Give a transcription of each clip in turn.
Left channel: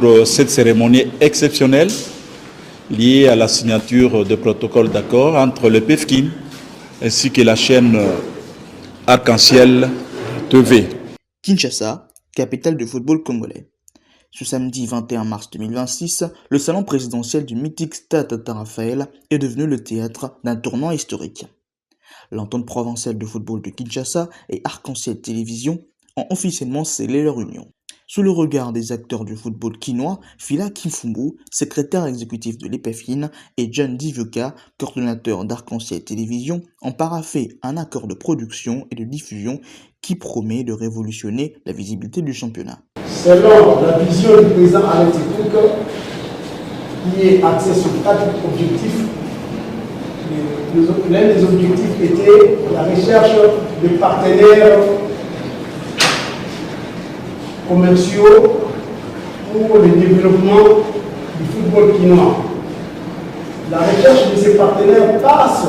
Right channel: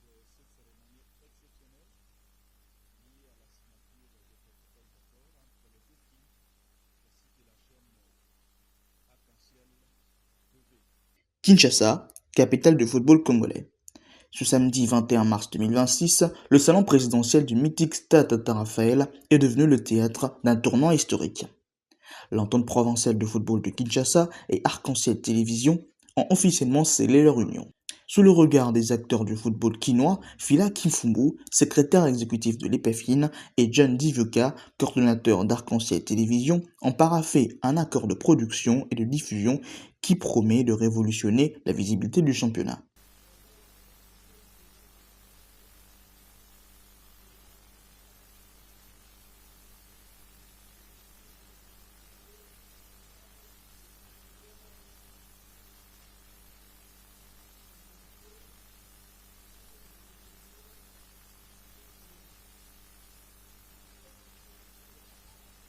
pour cette cérémonie exceptionnelle liée à la signature de protocole d'accord entre le PEFCIN ainsi que la chaîne Arc-en-Ciel TV. Kinshasa, capitale du football congolais. Ce samedi 21 mars 2026, le salon présidentiel du mythique Stade Tata Raphaël est devenu le théâtre d'un tournant historique. L'entente provinciale de football de Kinshasa et Arc-en-Ciel Télévision ont officiellement scellé leur union. Sous le regard des acteurs du football kinois, Fila Kimfumbu, secrétaire exécutif de l'EPEFIN, et John Divioka, coordonnateur d'Arc-en-Ciel Télévision, ont paraphé un accord de production et de diffusion qui promet de révolutionner la visibilité du championnat. Selon la vision du président Alain Tekouka, qui est axée sur 4 objectifs, l'un des objectifs était la recherche de partenaires commerciaux pour le développement du football kinois. La recherche de ces partenaires passe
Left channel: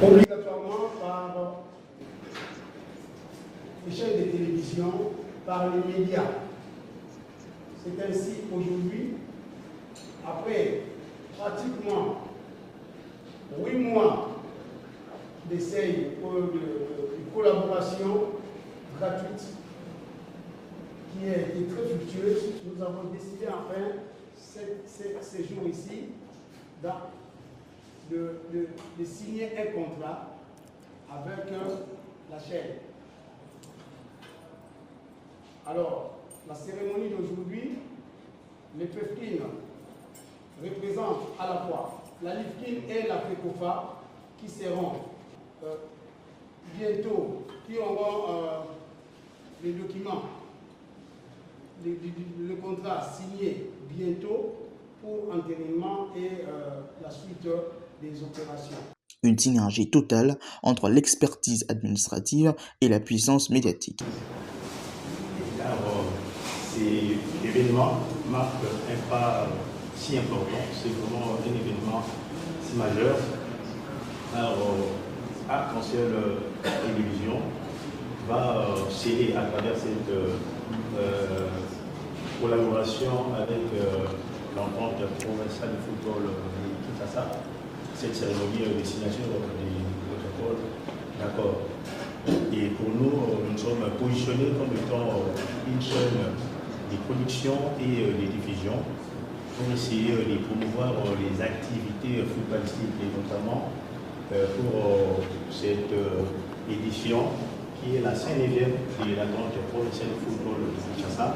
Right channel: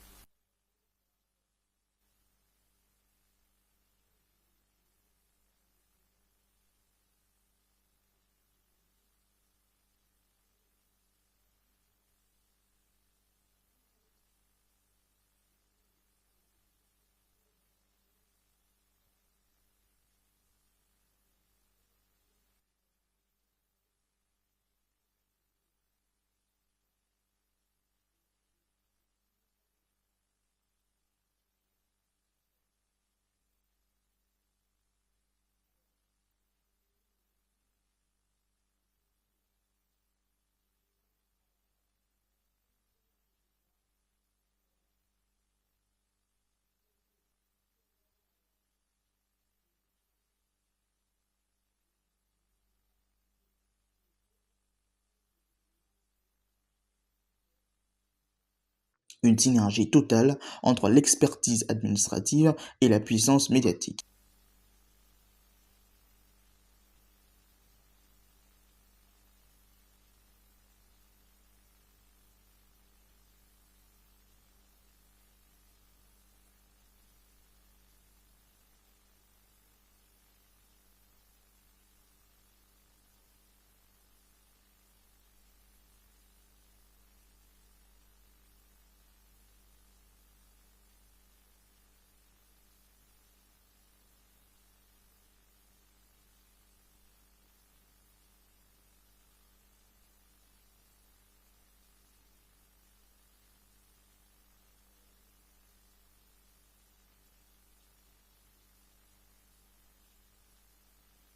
obligatoirement par les chaînes de télévision, par les médias. C'est ainsi aujourd'hui, après pratiquement 8 mois d'essai de collaboration gratuite qui a été très fructueuse, nous avons décidé enfin ces jours ici de signer un contrat avec la chaîne. Alors, la cérémonie d'aujourd'hui, les PEFCIN représentent à la fois la LIFKIN et la FECOFA qui seront bientôt, qui auront les documents, le contrat signé bientôt pour entérinement et la suite des opérations. Une synergie totale entre l'expertise administrative et la puissance médiatique. Cet événement marque un pas si important, c'est vraiment un événement si majeur. Alors, Arc-en-Ciel Télévision va sceller à travers cette collaboration avec l'entente provinciale de football de Kinshasa, cette cérémonie de signature des protocoles d'accord. Et pour nous, nous sommes positionnés comme étant une chaîne de production et de diffusion pour essayer de promouvoir les activités footballistiques et notamment pour cette édition qui est la 5e de la grande provinciale de football de Kinshasa.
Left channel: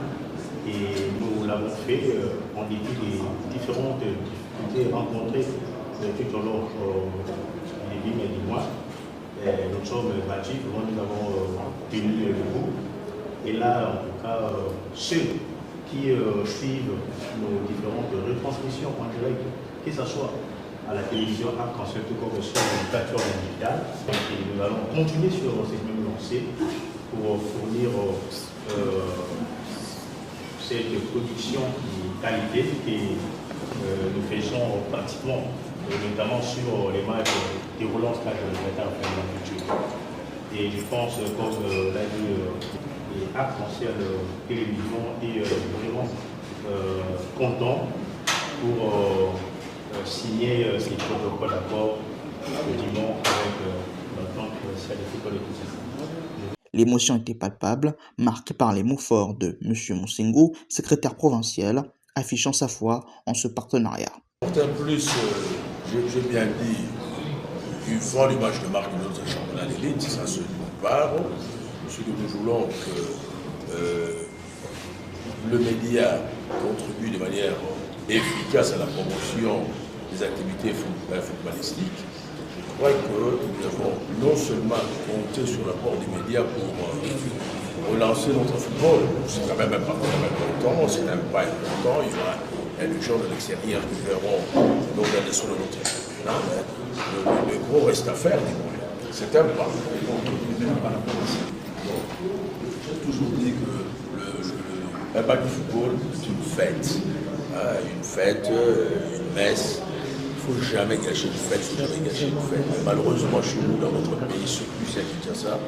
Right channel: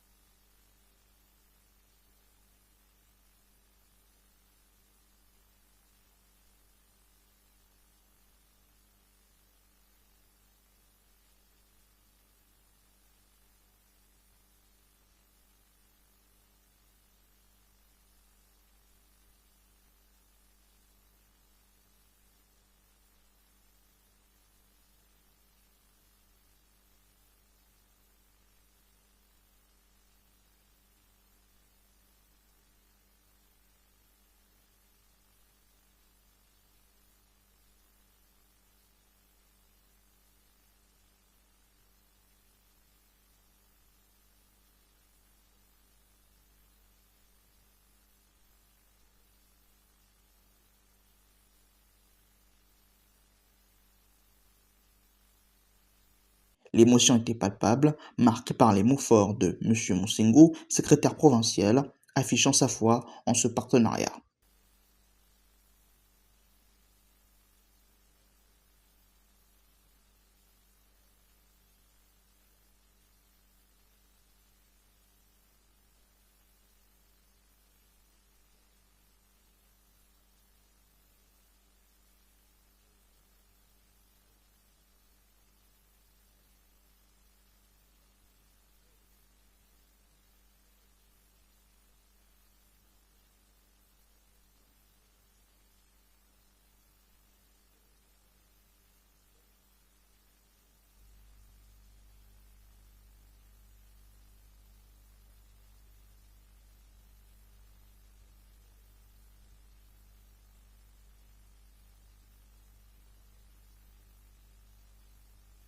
Et nous l'avons fait en dépit des différentes difficultés rencontrées tout au long des mois et des mois. Nous sommes battus, nous avons tenu le bout. Et là, en tout cas, ceux qui suivent nos différentes retransmissions en direct, que ce soit à la télévision Arc-en-Ciel, tout comme sur les plateformes digitales. Et nous allons continuer sur cette même lancée pour fournir cette production de qualité que nous faisons pratiquement, notamment sur les matchs déroulant ce cadre de l'État en la culture. Et je pense, comme l'a dit Arc-en-Ciel Télévision, est vraiment content pour signer ces protocoles d'accord le dimanche avec l'entente provinciale de football de Kinshasa. L'émotion était palpable, marquée par les mots forts de M. Monsengo, secrétaire provincial, affichant sa foi en ce partenariat. En plus, j'ai bien dit, une fois l'image de marque de notre championnat d'élite, ça se part. Ce que nous voulons que le média contribue de manière efficace à la promotion des activités footballistiques. Je crois que nous devons non seulement compter sur l'apport des médias pour relancer notre football, c'est quand même pas important, c'est même pas important, il y aura des gens de l'extérieur qui verront l'organisation de notre championnat, mais le gros reste à faire, c'est un pas. J'ai toujours dit que l'impact du football est une fête, une messe. Il ne faut jamais gâcher une fête, Mais malheureusement, chez nous, dans notre pays, surtout ici à Kinshasa,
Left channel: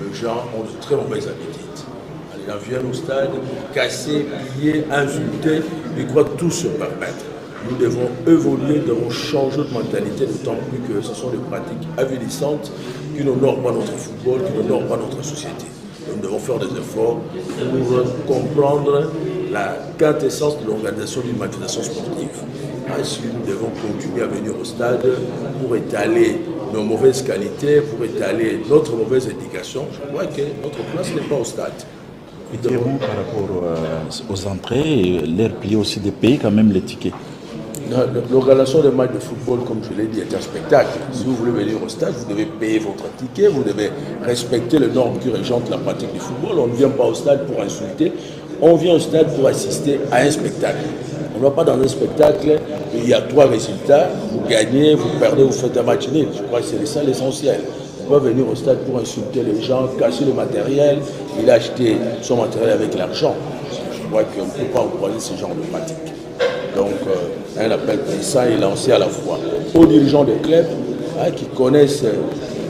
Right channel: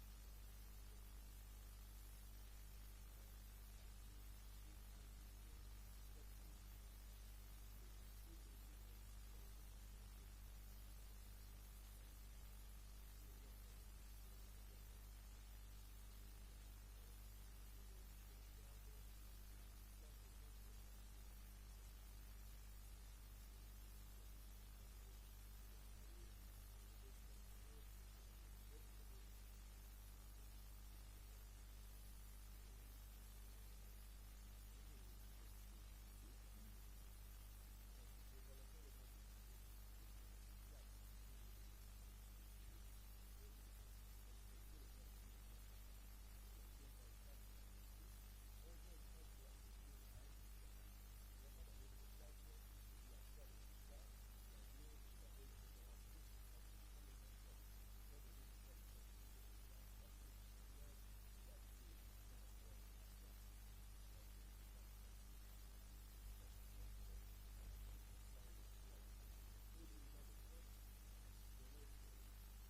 les gens ont de très mauvaises habitudes. Les gens viennent au stade pour casser, piller, insulter. Ils croient tout se permettre. Nous devons évoluer, nous devons changer de mentalité, d'autant plus que ce sont des pratiques avilissantes qui n'honorent pas notre football, qui n'honorent pas notre société. Nous devons faire des efforts pour comprendre la quintessence de l'organisation d'une manifestation sportive. Ainsi, nous devons continuer à venir au stade pour étaler nos mauvaises qualités, pour étaler notre mauvaise éducation. Je crois que notre place n'est pas au stade. Et dirons par rapport aux entrées, l'air plié aussi des pays, quand même les tickets. L'organisation des matchs de football, comme je l'ai dit, est un spectacle. Si vous voulez venir au stade, vous devez payer votre ticket, vous devez respecter les normes qui régentent la pratique du football. On ne vient pas au stade pour insulter, on vient au stade pour assister à un spectacle. On ne va pas dans un spectacle, il y a 3 résultats, vous gagnez, vous perdez, vous faites un match nul. Je crois que c'est ça l'essentiel. On va venir au stade pour insulter les gens, casser le matériel, il a acheté son matériel avec l'argent. Je crois qu'on ne peut pas encourager ce genre de pratique. Donc, un appel puissant est lancé à la fois aux dirigeants des clubs qui connaissent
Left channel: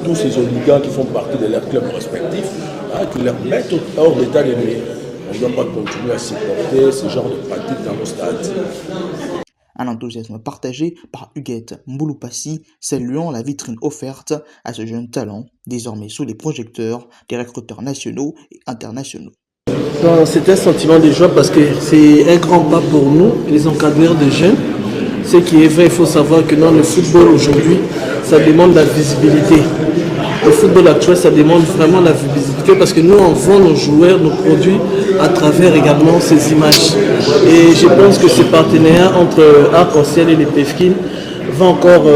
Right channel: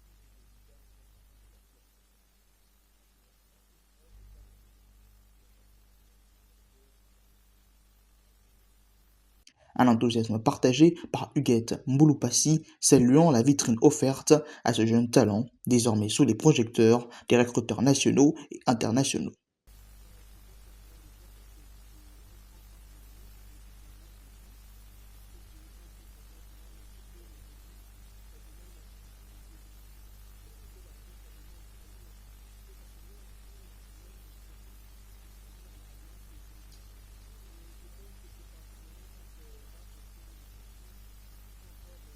tous ces oligarques qui font partie de leurs clubs respectifs, qui leur mettent hors d'état de nuire. On ne doit pas continuer à supporter ce genre de pratiques dans nos stades. Un enthousiasme partagé par Huguette Mbouloupassi, saluant la vitrine offerte à ce jeune talent, désormais sous les projecteurs des recruteurs nationaux et internationaux. C'est un sentiment de joie parce que c'est un grand pas pour nous, les encadreurs de jeunes. Ce qui est vrai, il faut savoir que dans le football aujourd'hui, ça demande la visibilité. Le football actuel, ça demande vraiment la visibilité parce que nous, on vend nos joueurs, nos produits à travers également ces images. Et je pense que ce partenariat entre Arc-en-Ciel et les PEFKIN va encore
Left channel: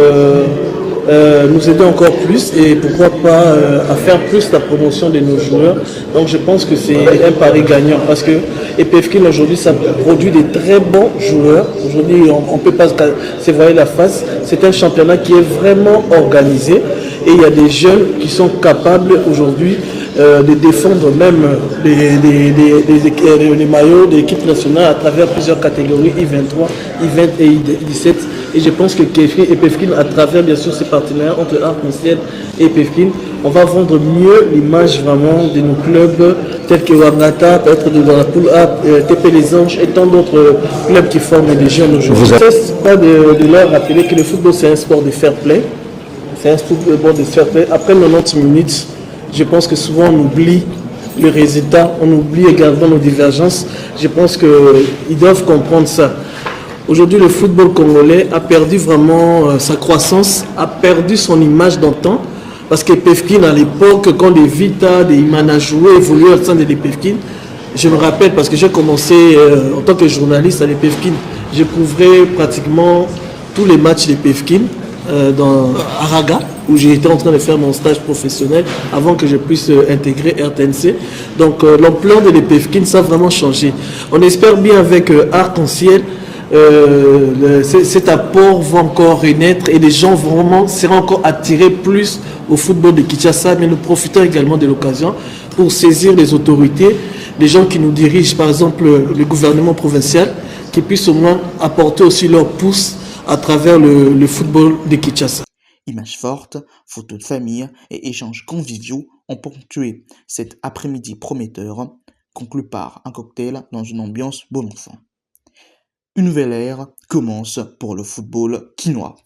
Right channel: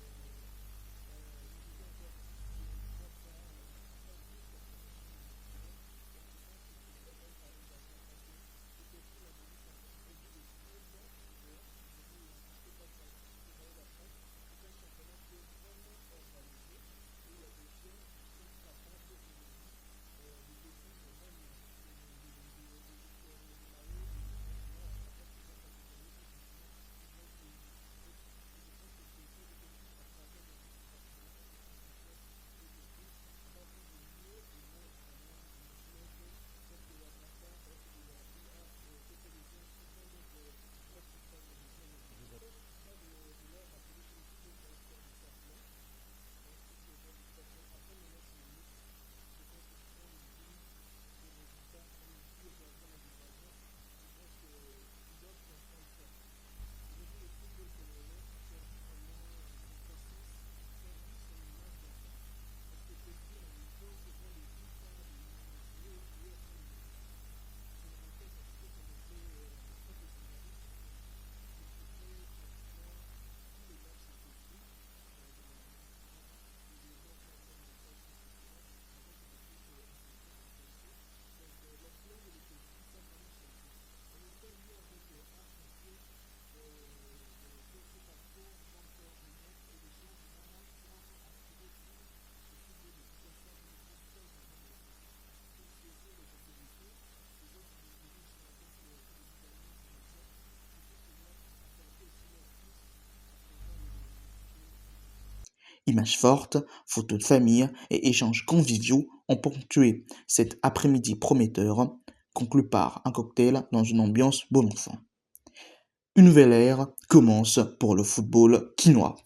nous aider encore plus et pourquoi pas à faire plus la promotion de nos joueurs. Donc je pense que c'est un pari gagnant parce que PEFKIN aujourd'hui ça produit des très bons joueurs. Aujourd'hui on ne peut pas se voiler la face. C'est un championnat qui est vraiment organisé et il y a des jeunes qui sont capables aujourd'hui de défendre même les maillots de l'équipe nationale à travers plusieurs catégories, I23, I20 et I17. Et je pense que PEFKIN, à travers bien sûr ces partenariats entre Arc-en-Ciel et PEFKIN, on va vendre mieux l'image vraiment de nos clubs tels que Wangata, peut-être dans la poule A, TP Les Anges et tant d'autres clubs qui forment des jeunes aujourd'hui. Je ne cesse pas de leur rappeler que le football c'est un sport de fair play. C'est un sport de fair play. Après 90 minutes, je pense que souvent on oublie le résultat, on oublie également nos divergences. Je pense qu'ils doivent comprendre ça. Aujourd'hui, le football congolais a perdu vraiment sa croissance, a perdu son image d'antan. Parce que PEFKIN, à l'époque, quand les Vita, des Imana jouaient, évoluaient au sein de PEFKIN, je me rappelle parce que j'ai commencé en tant que journaliste à PEFKIN, je couvrais pratiquement tous les matchs de PEFKIN dans Araga, où j'étais en train de faire mon stage professionnel avant que je puisse intégrer RTNC. Donc l'ampleur de PEFKIN, ça a vraiment changé. On espère bien avec Arc-en-Ciel, cet apport va encore renaître et les gens vraiment seront encore attirés plus au football de Kinshasa, mais nous profitons également de l'occasion pour saisir les autorités, les gens qui nous dirigent, par exemple le gouvernement provincial, qui puissent au moins apporter aussi leur pouce à travers le football de Kinshasa. Images fortes, photos de famille et échanges conviviaux ont ponctué cet après-midi prometteur, conclu par un cocktail dans une ambiance bon enfant. Une nouvelle ère commence pour le football quinois.